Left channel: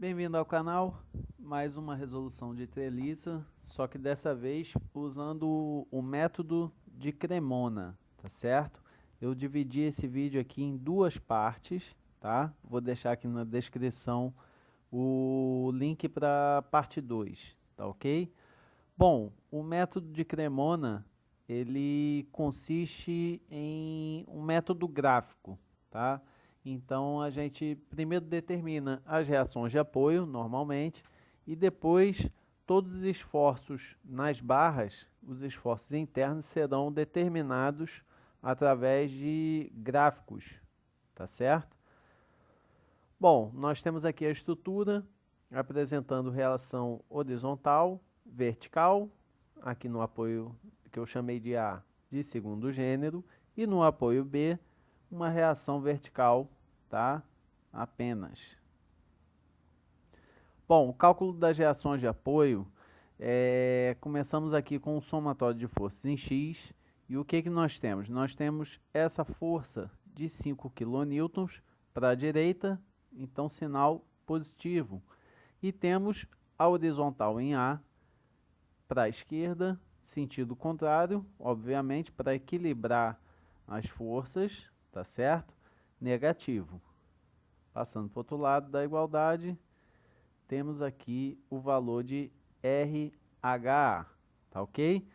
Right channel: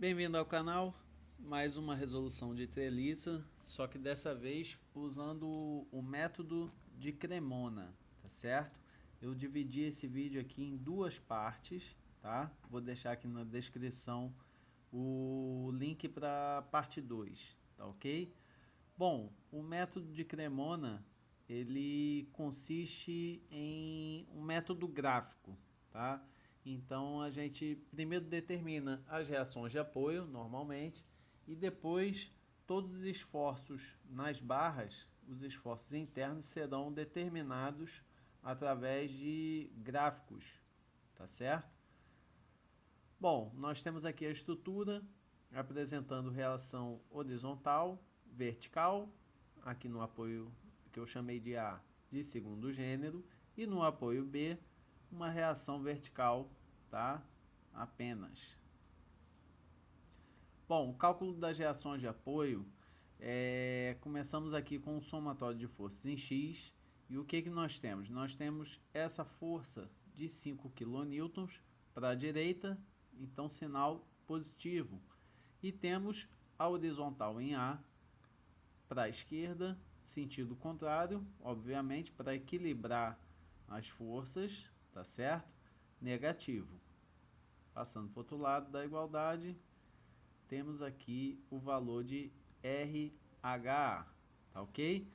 Bem-vindo ao canal, mais uma resolução de treliça, só que dessa vez usando o método de Cremona, tá certo? Eu dividi esse vídeo aqui em duas partes, tá? Vou deixar aqui na descrição o link para parte 2, tá ok? Bom, o método de Cremona, ele consiste em um método gráfico, tá? Então a gente primeiro determina as reações de apoio, normalmente, e depois todos os esforços nas barras, os esforços internos serão determinados através de gráficos, tá certo? Bom, nós temos aqui a estrutura apresentando relação horizontal, vertical, aqui no apoio que eu chamei de A de segundo gênero, e no apoio B, uma reação vertical, tá? Apenas. Bom, o cálculo das reações de apoio, começamos aqui com o somatório de forças em X, e o que nós temos? Nós temos essa força de 5 kN para a direita, então sinal positivo. E temos a horizontal em A para a esquerda, sentido contrário, obviamente, para equilibrar as forças, tá certo? Negativo. Passando para o outro lado da igualdade, temos aqui o valor de RH, tá ok?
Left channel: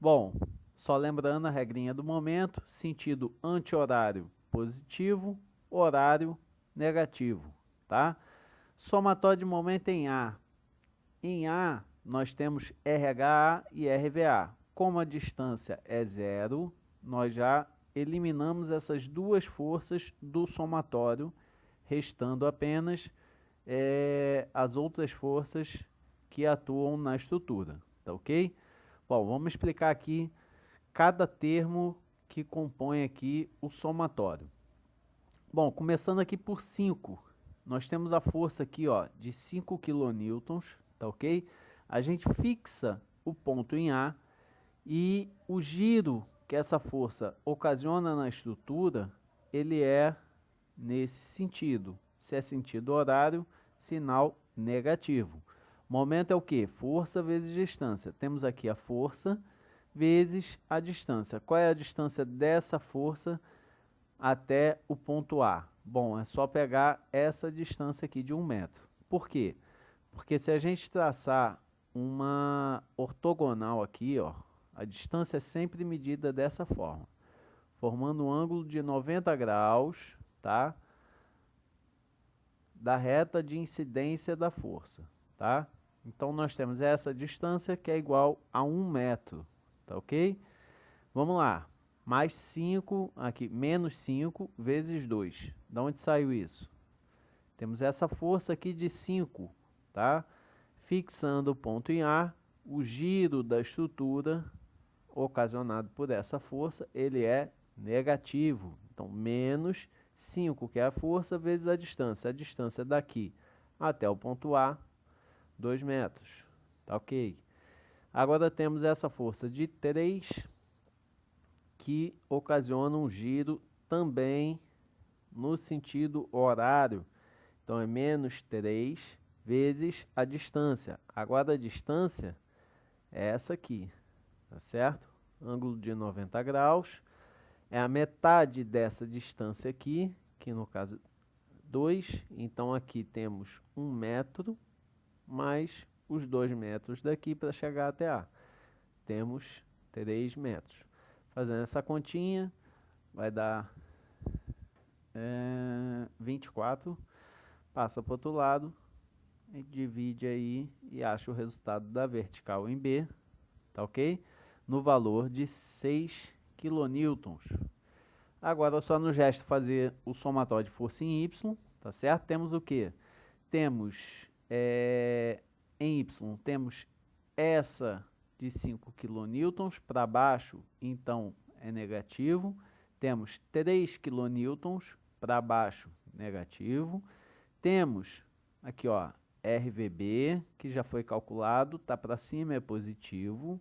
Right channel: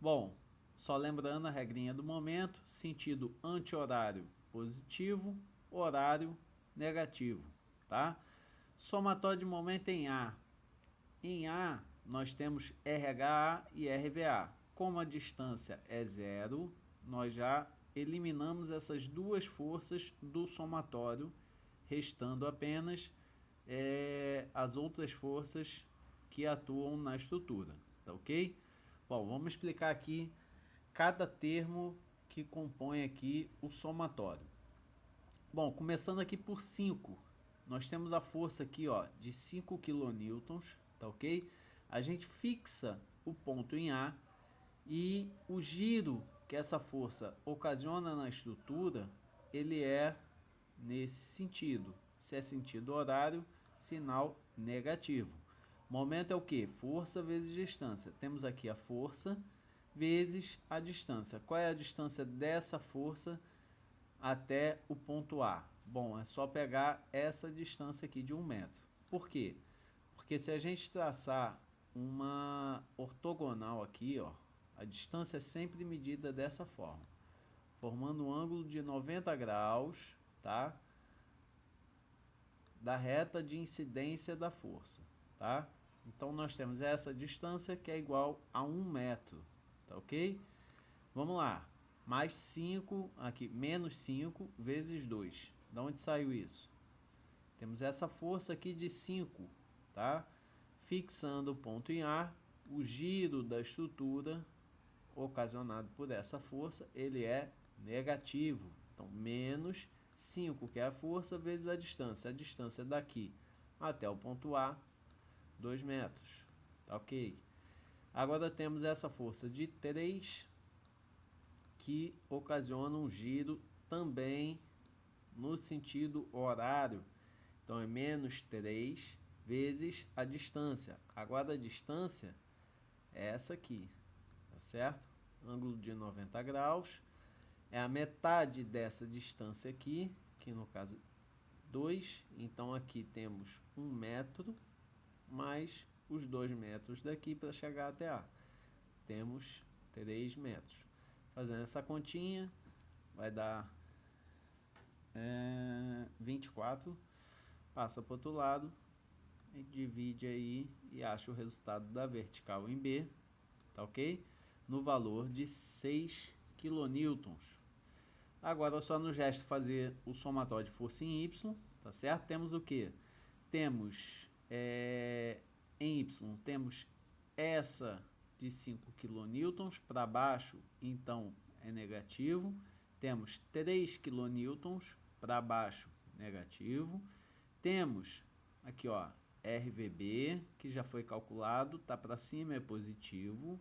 Bom, só lembrando a regrinha do momento, sentido anti-horário positivo, horário negativo, tá? Somatório de momento em A. Em A, nós temos RH e RVA. Como a distância é zero, nós já eliminamos essas duas forças do somatório, restando apenas as outras forças que atuam na estrutura, tá ok? Bom, vamos explicar aqui cada termo que compõe aqui o somatório. Bom, começando aqui por 5, nós temos a força aqui, ó, de 5 kN, tá ok? A gente fixa o ponto em A e o giro que essa força ocasiona na estrutura, ele é nesse sentido. Se é sentido horário, sinal negativo. Momento é o que? Força vezes distância. Temos aqui a força vezes a distância. Qual é a distância dessa força até o ponto A? Bom, é só pegar essa distância aqui de 1 metro. Por quê? Porque se a gente traçar uma ortogonal aqui, ó, a distância é sempre medida dessa forma, formando um ângulo de 90 graus, tá? Da reta de incidência da força, tá? Então nós temos essa distância que é igual a 1 metro, tá ok? Vamos lá, mais 5, aqui, menos 5 vezes 2. Da onde saiu isso? Temos essa força aqui de 5, tá? Fixando o ponto em A, o giro da estrutura ocasionado por essa força, ele é negativo. Então, menos 5, que é a força, vezes a distância. A distância daqui até o ponto A, 2 metros. Tá ok? Agora temos essa força de 3, que ocasiona um giro também no sentido horário. Então, é menos 3 vezes a distância. Agora, a distância é essa aqui, tá certo? Ângulo de 90 graus. É a metade dessa distância aqui, que no caso 2. Então, aqui temos 1 metro, mais os 2 metros daqui para chegar até A. Temos 3 metros. Fazendo essa continha, vai dar 24. Passa para o outro lado, e divide aí e acha o resultado da vertical em B, tá ok? No valor de 6 kN. Agora só nos resta fazer o somatório de força em Y, tá certo? Temos o que? Temos em Y, temos essa de 5 kN para baixo, então é negativo. Temos 3 kN para baixo, negativo. Temos aqui, ó, RVB, que já foi calculado, tá para cima é positivo,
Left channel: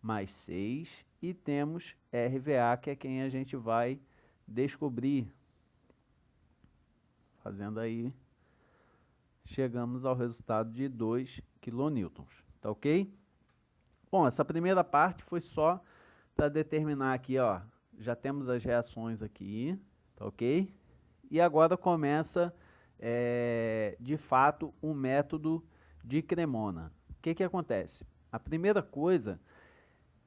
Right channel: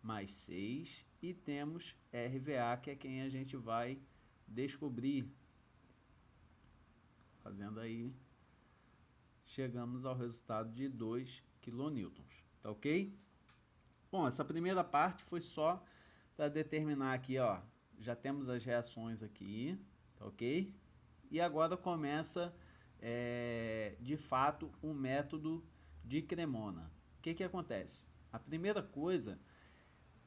mais 6. E temos RVA, que é quem a gente vai descobrir, fazendo aí chegamos ao resultado de 2 kN, tá ok? Bom, essa primeira parte foi só para determinar aqui, ó, já temos as reações aqui, tá ok? E agora começa, de fato, o método de Cremona. O que que acontece? A primeira coisa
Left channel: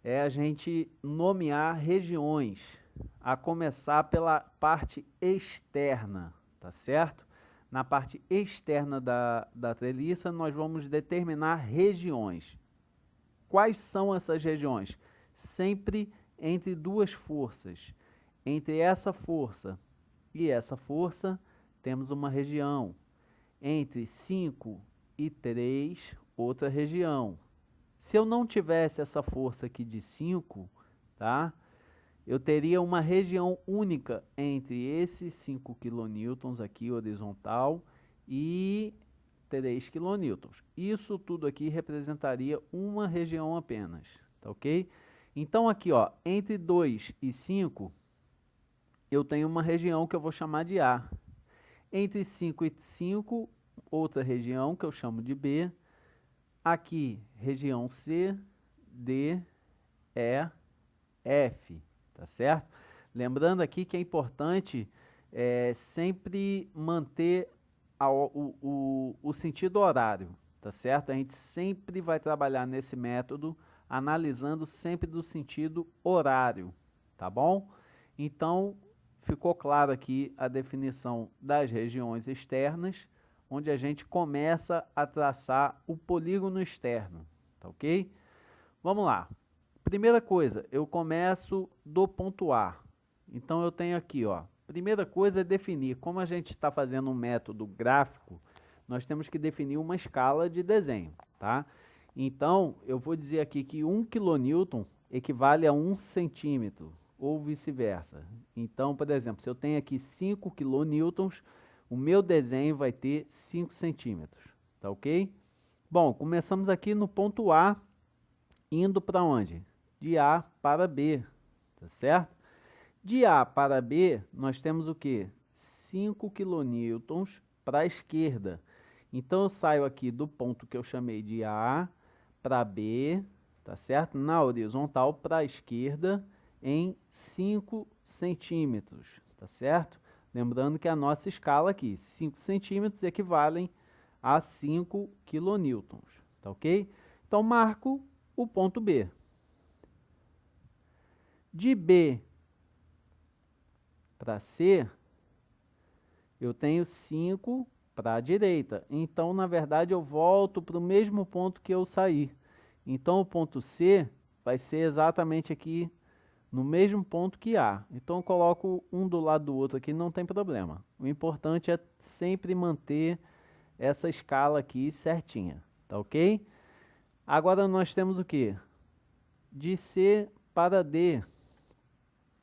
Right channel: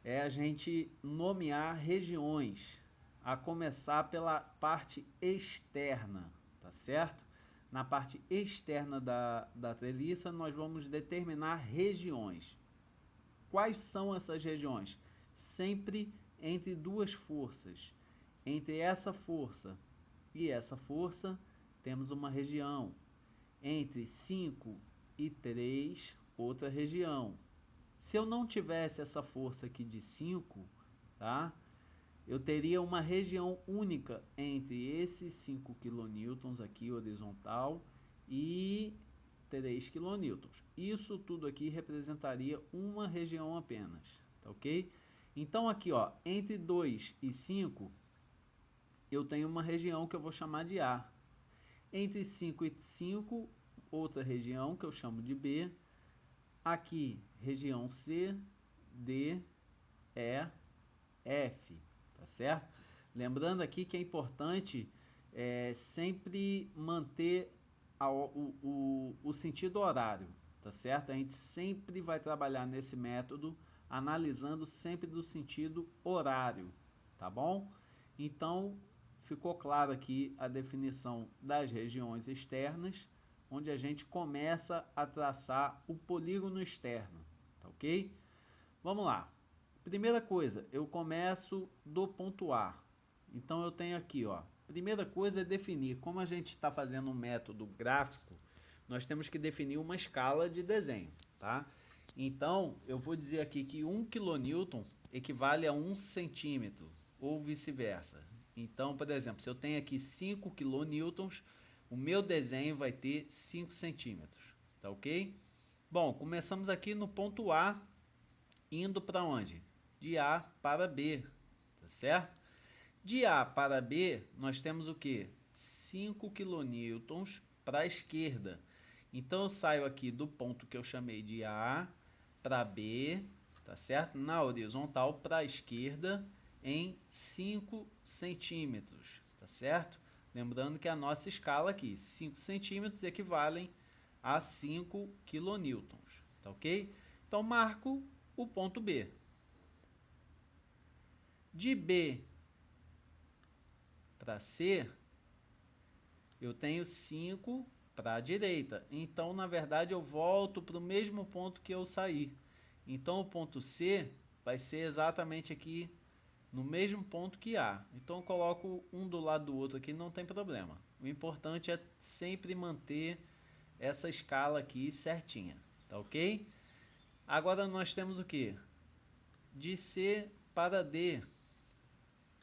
é a gente nomear regiões, a começar pela parte externa, tá certo? Na parte externa da treliça, nós vamos determinar regiões. Quais são essas regiões? Sempre entre duas forças. Entre essa força e essa força, temos uma região. Entre 5 e 3, outra região. Se eu não tivesse essa força aqui de 5, tá? Eu teria uma região única entre esses 5 kN aqui horizontal e 3 kN. Isso tudo aqui representaria uma região apenas, tá ok? Então aqui, ó, entre 2 e 5, eu tenho uma região que eu vou chamar de A. Entre 5 e 5, outra região que eu chamo de B. Aqui, região C, D, E, F, tá certo? Lembrando aqui que é importante sempre manter o sentido horário, tá certo? A gente sempre vai trabalhar nesse método analisando sempre do sentido horário, tá bom? Então, ficou claro aqui a definição das regiões externas, onde a gente começa a traçar o polígono externo, tá ok? Vamos lá. Primeira coisa, eu começo do ponto A. Então, eu tenho aqui, ó. Primeira coisa é definir. Como a gente está fazendo um método gráfico, nós temos que definir uma escala de desenho, tá? Então, eu vou dizer aqui que 1 kN equivale a 1 centímetro, ou vice-versa. Então, por exemplo, se eu tenho aqui 5 kN, o meu desenho vai ter 5 centímetros, tá ok? Bom, começamos aqui no ponto A, indo para onde? De A para B, tá certo? De A para B, nós temos o quê? 5 kN para a esquerda. Então, eu saio aqui do ponto que eu chamei de A para B, tá certo? Na horizontal para a esquerda em 5 centímetros, tá certo? Lembrando que a nossa escala aqui, 5 centímetros equivalem a 5 kN, tá ok? Então, marco o ponto B. De B para C, eu tenho 5 para a direita. Então, na verdade, eu volto para o mesmo ponto que eu saí. Então, o ponto C vai ser exatamente aqui no mesmo ponto que A. Então, eu coloco um do lado do outro aqui, não tem problema. O importante é sempre manter essa escala aqui certinha, tá ok? Agora, nós temos o quê? De C para D,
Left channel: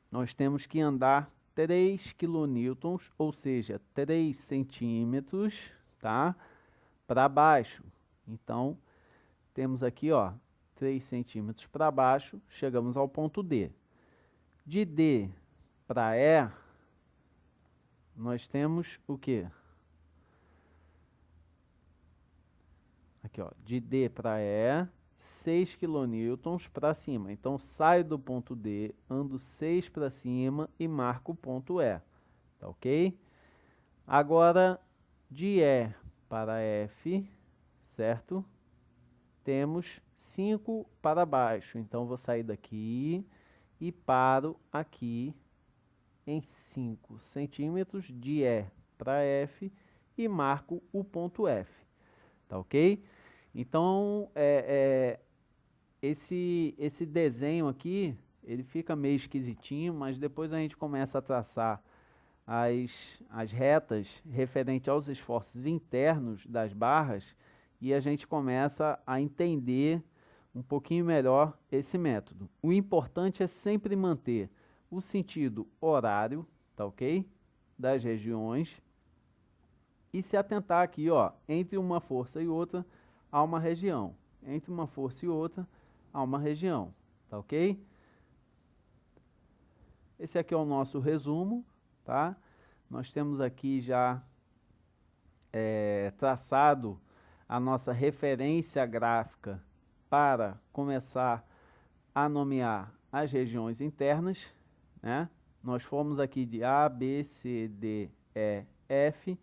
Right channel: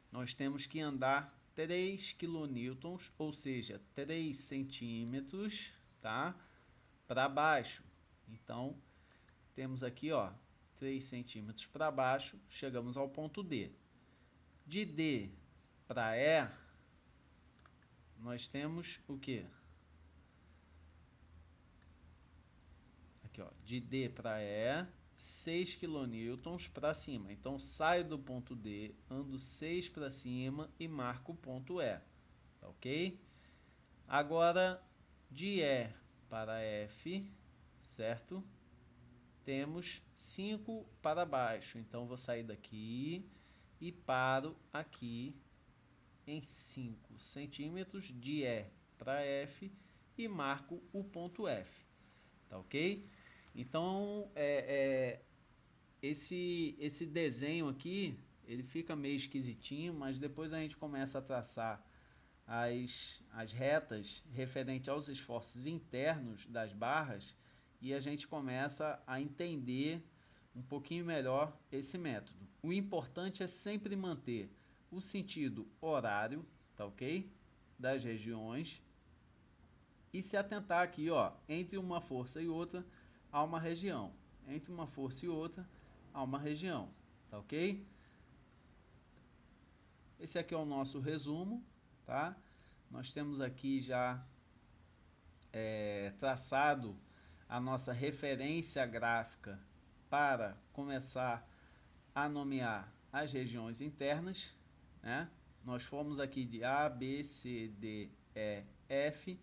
nós temos que andar 3 kN, ou seja, 3 centímetros, tá? Para baixo. Então, temos aqui, ó, 3 centímetros para baixo, chegamos ao ponto D. De D para E, nós temos o quê? Aqui, ó, de D para E, 6 kN para cima. Então, saio do ponto D, ando 6 para cima e marco o ponto E. Tá ok? Agora, de E para F, certo? Temos 5 para baixo. Então, vou sair daqui e paro aqui em 5 centímetros de E para F e marco o ponto F. Tá ok? Então, esse desenho aqui, ele fica meio esquisitinho, mas depois a gente começa a traçar as retas referente aos esforços internos das barras e a gente começa a entender um pouquinho melhor esse método. O importante é sempre manter o sentido horário, tá ok? Das regiões e se atentar aqui, ó, entre uma força e outra há uma região. Entre uma força e outra há uma região, tá ok? Esse aqui é o nosso resumo, tá? Nós temos aqui já traçado a nossa referência gráfica para começar a nomear as regiões internas, né? Nós fomos aqui de A, B, C, D, E, F,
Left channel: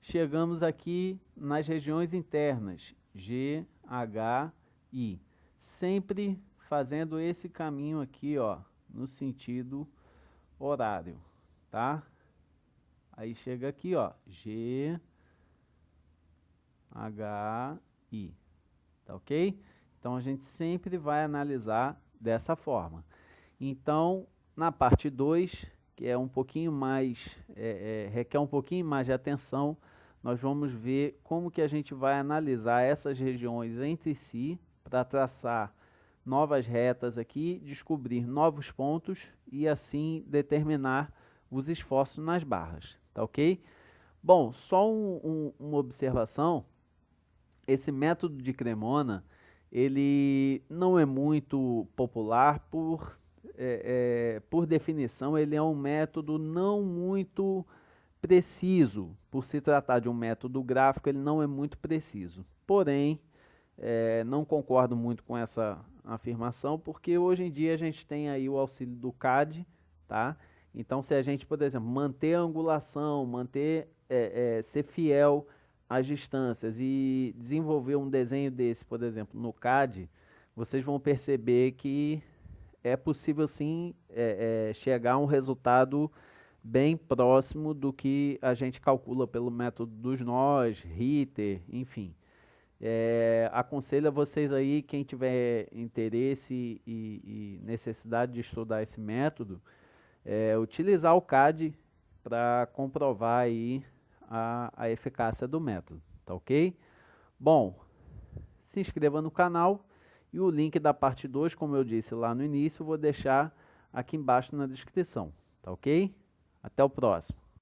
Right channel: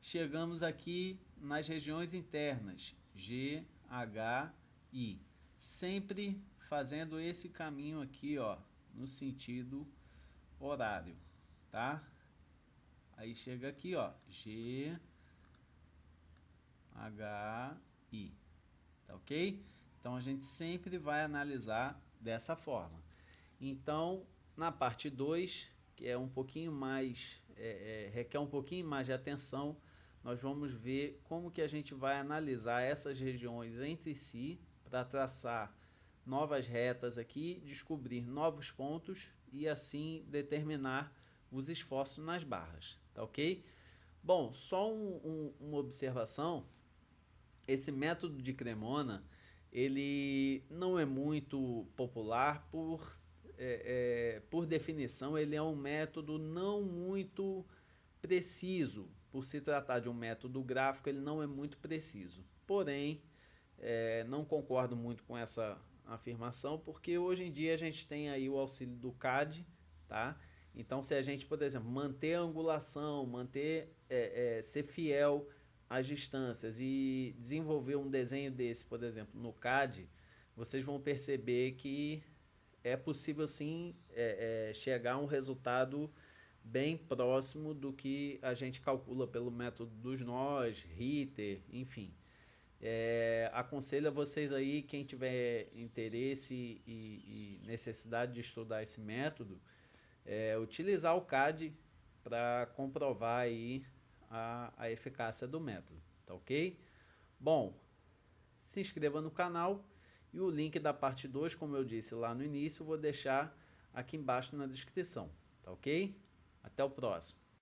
chegamos aqui nas regiões internas, G, H, I, sempre fazendo esse caminho aqui, ó, no sentido horário, tá? Aí chega aqui, ó, G, H, I, tá ok? Então a gente sempre vai analisar dessa forma. Então, na parte 2, que é um pouquinho mais, requer um pouquinho mais de atenção, nós vamos ver como que a gente vai analisar essas regiões entre si para traçar novas retas aqui, descobrir novos pontos e assim determinar os esforços nas barras, tá ok? Bom, só uma observação, esse método de Cremona, ele não é muito popular por definição, ele é um método não muito preciso. Por se tratar de um método gráfico, ele não é muito preciso. Porém, não concordo muito com essa afirmação, porque hoje em dia a gente tem aí o auxílio do CAD, tá? Então, se a gente, por exemplo, manter a angulação, ser fiel às distâncias e desenvolver um desenho desse, por exemplo, no CAD, vocês vão perceber que é possível sim chegar a um resultado bem próximo do que a gente calcula pelo método dos nós, Ritter, enfim. Aconselho a vocês aí, quem tiver interesse e necessidade de estudar esse método, utilizar o CAD para comprovar aí a eficácia do método, tá ok? Bom, se inscreva no canal e o link da parte 2, como eu disse lá no início, eu vou deixar aqui embaixo na descrição, tá ok? Até o próximo.